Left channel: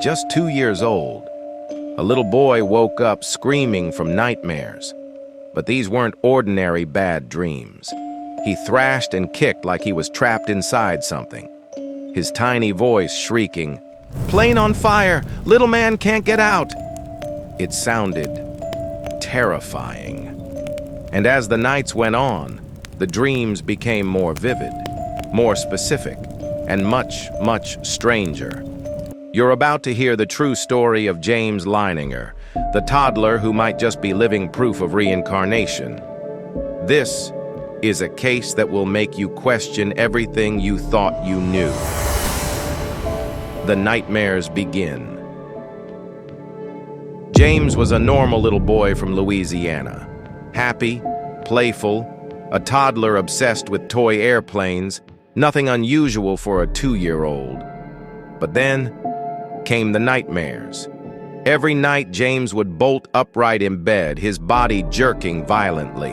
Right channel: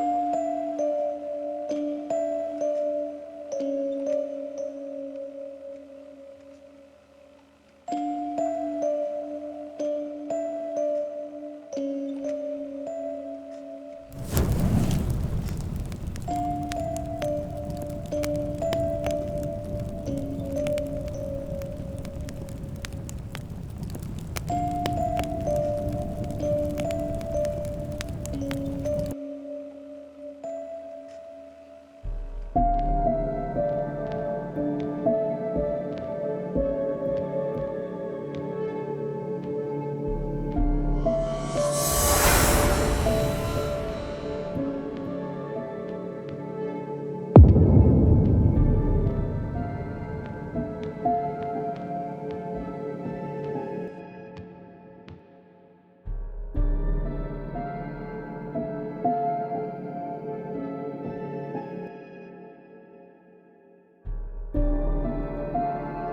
just 2 years old, a little boy woke up screaming from nightmares. But these weren't ordinary bad dreams. He thrashed and kicked like he was trapped inside something, his tiny voice shrieking, "Plane on fire! Little man can't get out!" It sounded terrifying. And as the nights went on, the dreams became more vivid, more specific, and much, much stranger. You're about to hear the true story of James Leininger, the toddler who might just be living proof of reincarnation. This is a case that will make you question everything you thought you knew. The nightmares begin. James was a normal little boy from Louisiana. Happy, playful, a toddler obsessed with toy airplanes, nothing unusual for a 2-year-old. But then came the nightmares. Every night, James would bolt upright in bed, his body jerking violently.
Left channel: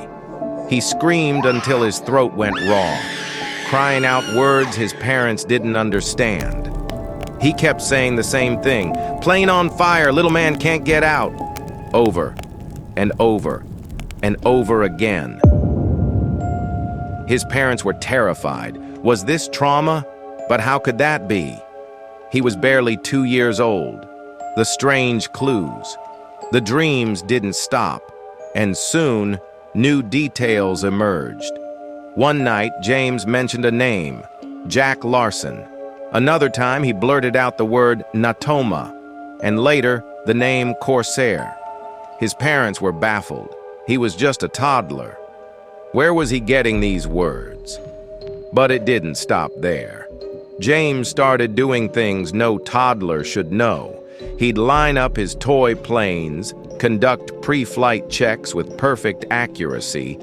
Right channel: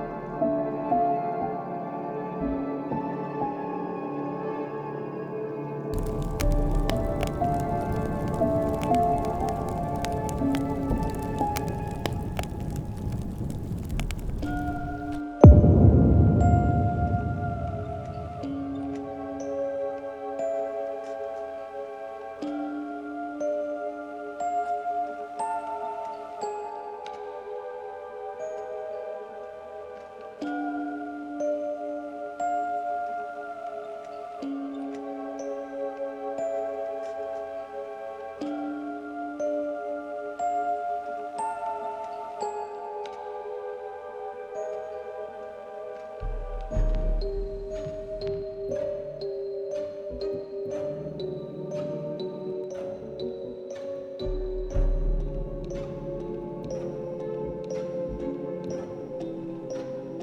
He screamed until his throat went raw, crying out words his parents didn't understand. He kept saying the same thing, "Plane on fire, little man can't get out," over and over and over again. His parents were terrified. Was this trauma? But how could that be? He was barely 2 years old. The strange clues. The dreams didn't stop, and soon, new details emerged. One night, James mentioned a name, Jack Larson. Another time, he blurted out the word Natoma, and later, the name Corsair. His parents were baffled. He was just a toddler. Where was he getting these words? But it didn't stop there. James started doing things no toddler should know. He'd line up his toy planes, conduct pre-flight checks with perfect accuracy,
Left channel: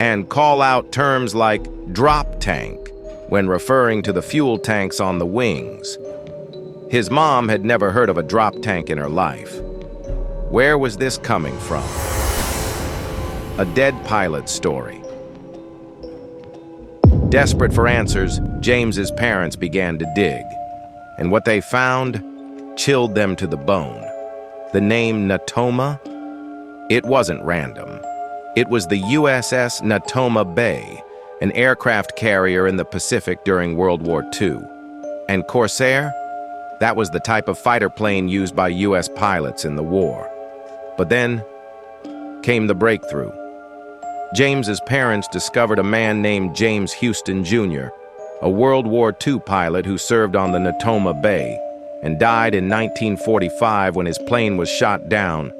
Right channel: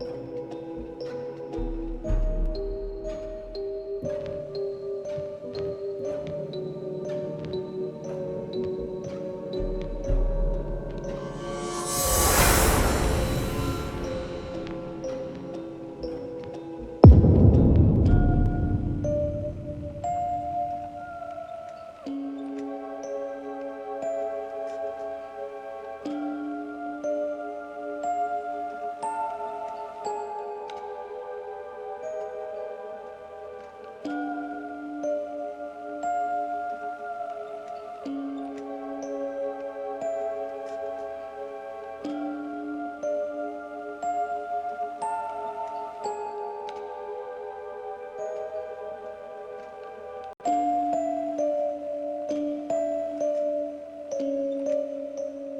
and call out terms like drop tank when referring to the fuel tanks on the wings. His mom had never heard of a drop tank in her life. Where was this coming from? A dead pilot story. Desperate for answers, James's parents began to dig, and what they found chilled them to the bone. The name Natoma? It wasn't random. It was the USS Natoma Bay, an aircraft carrier in the Pacific during World War II. And Corsair? That was the type of fighter plane used by US pilots in the war. But then came the breakthrough. James's parents discovered a man named James Houston Jr., a World War II pilot who served on the Natoma Bay and died in 1945 when his plane was shot down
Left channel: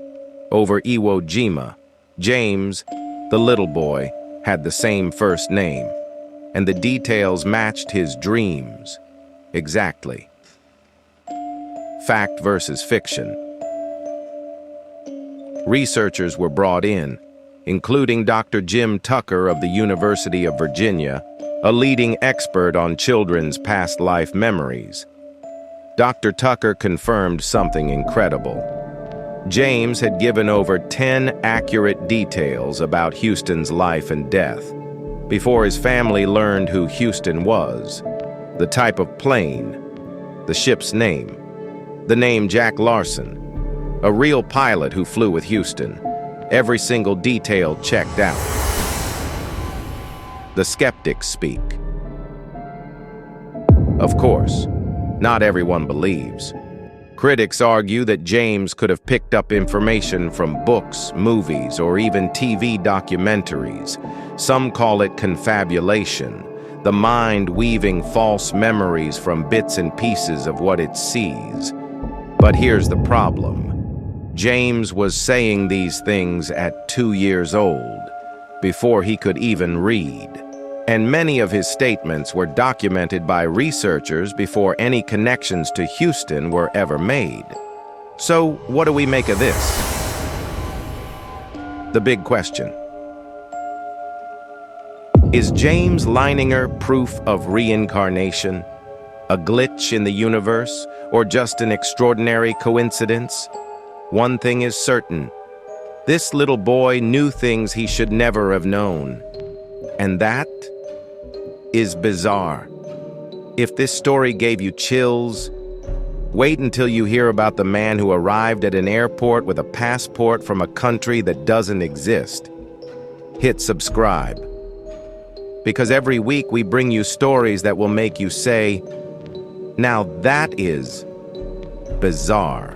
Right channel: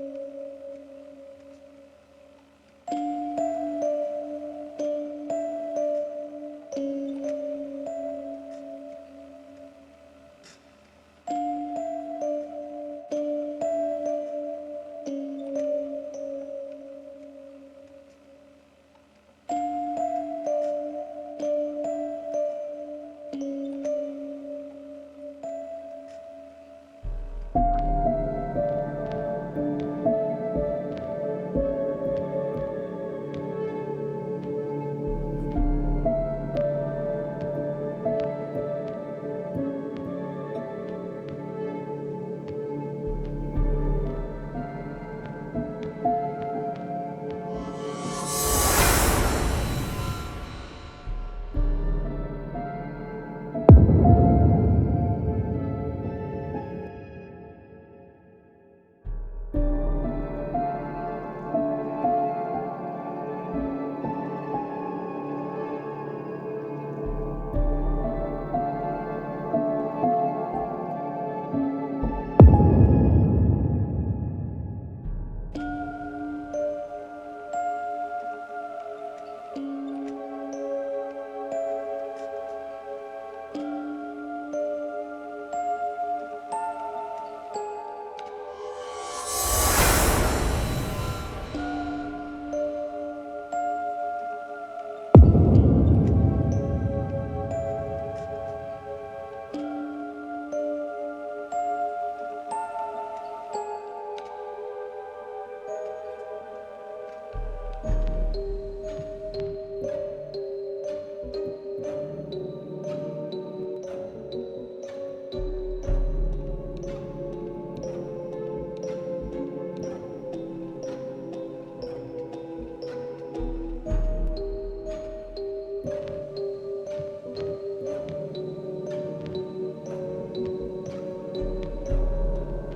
over Iwo Jima. James, the little boy, had the same first name, and the details matched his dreams exactly. Fact versus fiction. Researchers were brought in, including Dr. Jim Tucker of the University of Virginia, a leading expert on children's past life memories. Dr. Tucker confirmed something incredible. James had given over 10 accurate details about Houston's life and death before his family learned who Houston was, the type of plane, the ship's name, the name Jack Larson, a real pilot who flew with Houston. Every single detail checked out. The skeptics speak. Of course, not everyone believes. Critics argue that James could have picked up information from books, movies, or even TV documentaries. Some call it confabulation, the mind weaving false memories from bits and pieces of what it sees. But here's the problem. James was saying these things at 2 years old, before he could even read. And many of his statements were documented by researchers before any connections to Houston were ever made. So, what do we make of this? The big question. Is James Leininger proof of reincarnation? A glitch in the universe? Or just an extraordinary coincidence? One thing is certain. This little boy knew things he should never have known. And that is bizarre. If this story gave you chills, Wait until you hear about the man who arrived at an airport with a passport from a country that doesn't exist. Hit subscribe. Because every week we bring you stories that will make you say, "Now that is bizarre."